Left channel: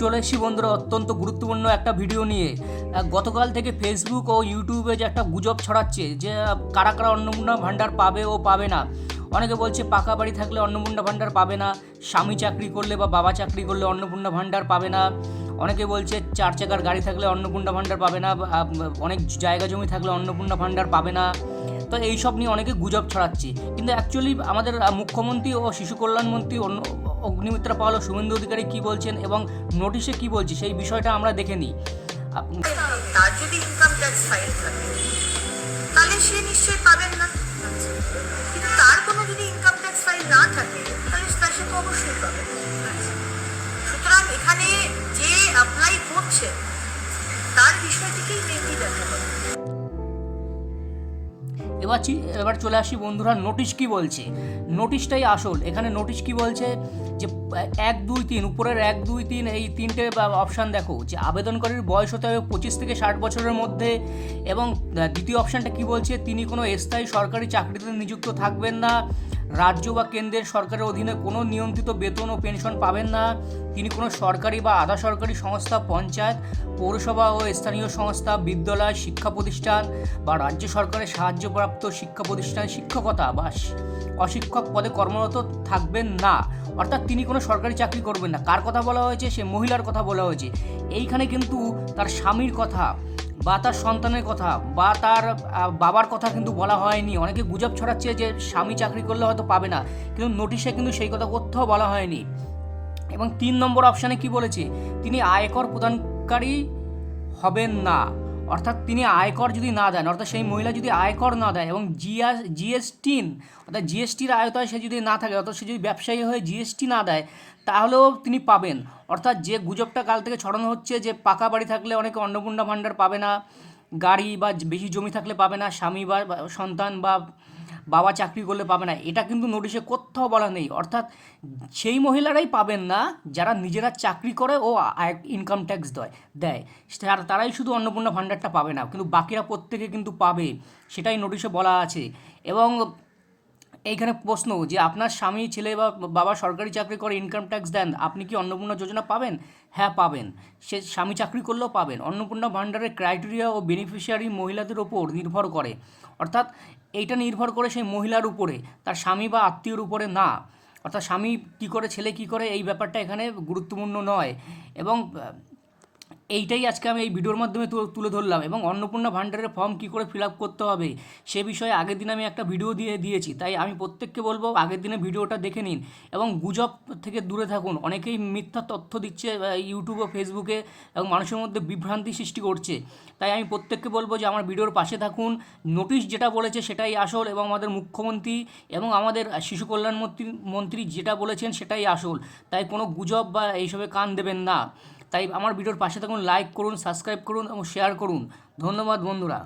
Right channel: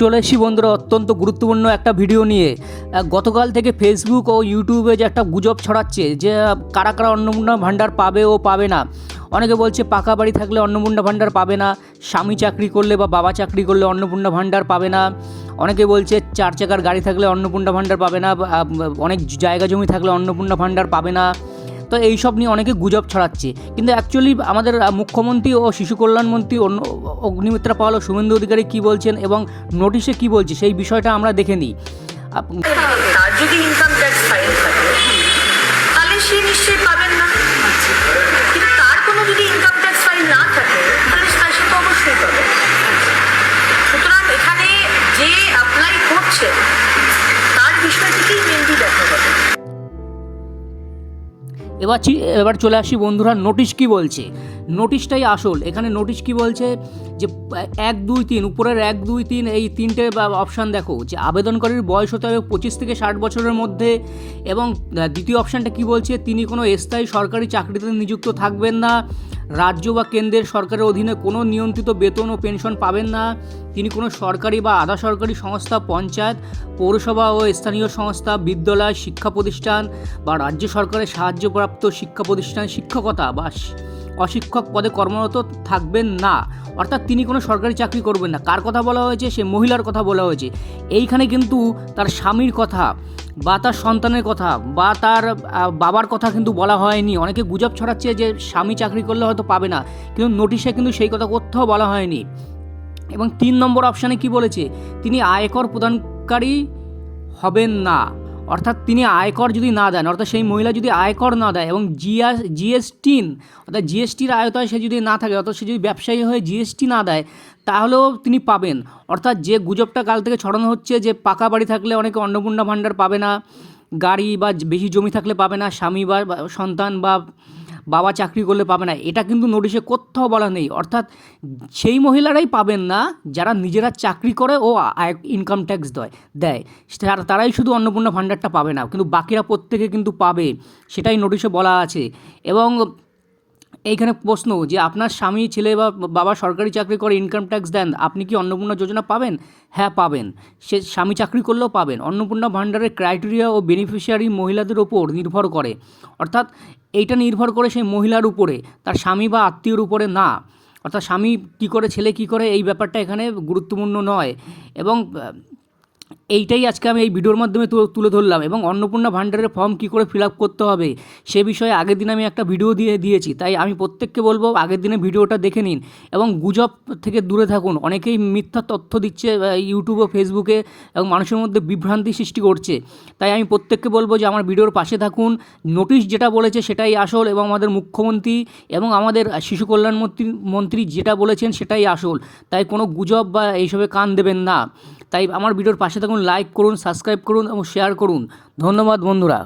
চলে এসেছি বন্ধুরা অত্যন্ত গুরুত্বপূর্ণ একটা ভিডিও নিয়ে। গতকাল থেকে ফেসবুক ও ইউটিউবে যে একটা গুজব ছড়াচ্ছে যে কারা কারা অন্নপূর্ণা ভাণ্ডার পাবে ও পাবে না। অনেকে বলছে পাকা বাড়ি থাকলে অন্নপূর্ণা ভাণ্ডার পাবে না, স্বামী চাকরি করলে বা বাবা চাকরি করলে অন্নপূর্ণা ভাণ্ডার পাবে না। অনেকে বলছে 4 চাকার গাড়ি থাকলে অন্নপূর্ণা ভাণ্ডার পাবে না, অনেক জায়গা জমি থাকলে অন্নপূর্ণা ভাণ্ডার পাবে না। তো এইসব নিয়ে অনেকে গুজব ছড়াচ্ছে, কিন্তু অ্যাকচুয়ালি আমাদের মুখ্যমন্ত্রী ও শিশু কল্যাণমন্ত্রী অগ্নিমিত্রা পাল ও শুভেন্দু অধিকারী কী বলছেন এবং নোটিশে কী বলছে সেই বিষয়টা আমরা দেখে নিই। তার যদি ইনকাম ট্যাক্স ফাইল থাকে তাহলে সে নিশ্চয়ই পাবেন না, কিন্তু তার কোনো যদি ইনকাম ট্যাক্স ফাইল না থাকে তাহলে সে তো অবশ্যই পাবে। সুতরাং এখানে যে অ্যাপ্লাই করছে তার বিষয়টিকেই মেনলি দেখা যাবে। এবার চলে আসি বন্ধুরা, নোটিশ কি বলছে। নোটিশটাই আসল। এখানে নোটিশ কি বলছে যে 1, 2, 3 উপরের 1, 2, 3 এই তিনটে অপশান দেখো যে আবেদনকারীর বয়স হতে হবে 25 থেকে 60 বছরের মধ্যে, এবং দ্বিতীয় অপশানটা কি বলছে, তিনি কোনো স্থায়ী সরকারি চাকরিতে নিযুক্ত থাকবেন না, রাজ্য বা কেন্দ্রের সরকারের অধীনে কোনো নিয়ন্ত্রিত বেতন ও পেনশন পাবেন না, তিনি কোনো সরকারি বা আধা সরকারি সংস্থা, পঞ্চায়েত, পৌরসভা ও স্থানীয় সংস্থা, বিদ্যালয়, শিক্ষা প্রতিষ্ঠান বা রাজ্য সরকারের সাহায্যপ্রাপ্ত শিক্ষা প্রতিষ্ঠান শিক্ষকতা বা অশিক্ষক পদে কর্মরত থাকবেন না। অর্থাৎ তিনি কোনো সরকারি চাকরি করবেন না। কার কথা বলা হয়েছে? সে মহিলার কথা বলা হয়েছে। এইখানে কিন্তু তার স্বামীর কথা বা তার সন্তানের কথা বা তার বাবার কথা কিন্তু বলা হয়নি। অনেকে গুজব ছড়াচ্ছে যে স্বামী চাকরি করলে হয়তো পাবে না, কিন্তু নোটিশে কিন্তু সেই কথা কোথাও বলা হয়নি। এবং 3 নম্বর অপশানে কি বলেছে, তিনি আয়কর প্রদানকারী হবেন না। অর্থাৎ তিনি আয়কর যদি না দেন, অর্থাৎ সেই মহিলা যদি আয়কর না দেয় এবং জিএসটি অর্থাৎ জিএসটির আয়তায় সে যদি না থাকে, অর্থাৎ সে যদি ব্যবসায়ী হয়ে জিএসটি না দেয় তাহলেও তিনি পাবেন। অর্থাৎ যে গুজবটা কাল থেকে ছড়ানো হচ্ছে যে পাকা বাড়ি থাকলে অনেকে অন্নপূর্ণা ভাণ্ডার পাবে না, গাড়ি বা বেশি জমি থাকলে পাবে না, স্বামী বা সন্তান বা বাবা চাকরি করলে পাবে না, এটা কিন্তু নোটিশে কোথাও বলা নেই। অর্থাৎ সেই মহিলারাই পাবেন না যারা নিজেরা চাকরি করে ও ইনকাম ট্যাক্স দেয়, তারাই শুধু অন্নপূর্ণা ভাণ্ডারটা পাবে না, কিন্তু বাকিরা প্রত্যেকে কিন্তু পাবে, সেটাই নোটিশে বলা আছে। এবং এইখানে প্রশ্ন যে আপনার স্বামী, ছেলে বা বাবা সরকারি চাকরি করে ইনকাম ট্যাক্স দেন, আপনি কি অন্নপূর্ণা যোজনা পাবেন? হ্যাঁ পাবেন। সে স্বামী চাকরি করলেও পাবেন। অন্নপূর্ণা ভাণ্ডারের ক্রাইটেরিয়া ও বেনিফিশিয়ারি মহিলাদের ওপর নির্ভর করে, অর্থাৎ এইটা নির্ভর করে সেই মহিলার উপরে, তার স্বামী বা আত্মীয়র উপরে না। অর্থাৎ স্বামী কী করে, ছেলে কী করে, এই ব্যাপারটা এখানে গুরুত্বপূর্ণ নয়। এবং এইটাই আজকে আমি এই ভিডিওর মাধ্যমে তুলে ধরলাম। এবং অন্নপূর্ণা ভাণ্ডারের ফর্ম কী করে ফিল আপ করতে হবে সে বিষয়ে আগের দিন আমি একটা ভিডিও দিয়েছি, তাই আমি প্রত্যেককে বলবো আগের দিনে ভিডিওটা দেখে নিন এবং গুজব থেকে দূরে থাকুন। অনেকেই মিথ্যা তথ্য দিচ্ছে ইউটিউব ও ফেসবুকে এবং মানুষের মধ্যে বিভ্রান্তি সৃষ্টি করছে, তাই আমি প্রত্যেককে বলবো যে আমার ভিডিওর পাশে থাকুন। নোটিশ যেটা বলেছে সেটাই আসল, এবং আমাদের মুখ্যমন্ত্রী এবং আমাদের শিশু কল্যাণ মন্ত্রী যেটা বলেছেন সেটাই আসল, তাই কোনো গুজব বা এইসবে কান দেবেন না। তাই আমার ভিডিওর পাশে থাকুন, লাইক করুন, সাবস্ক্রাইব করুন এবং শেয়ার করুন। ধন্যবাদ বন্ধুরা।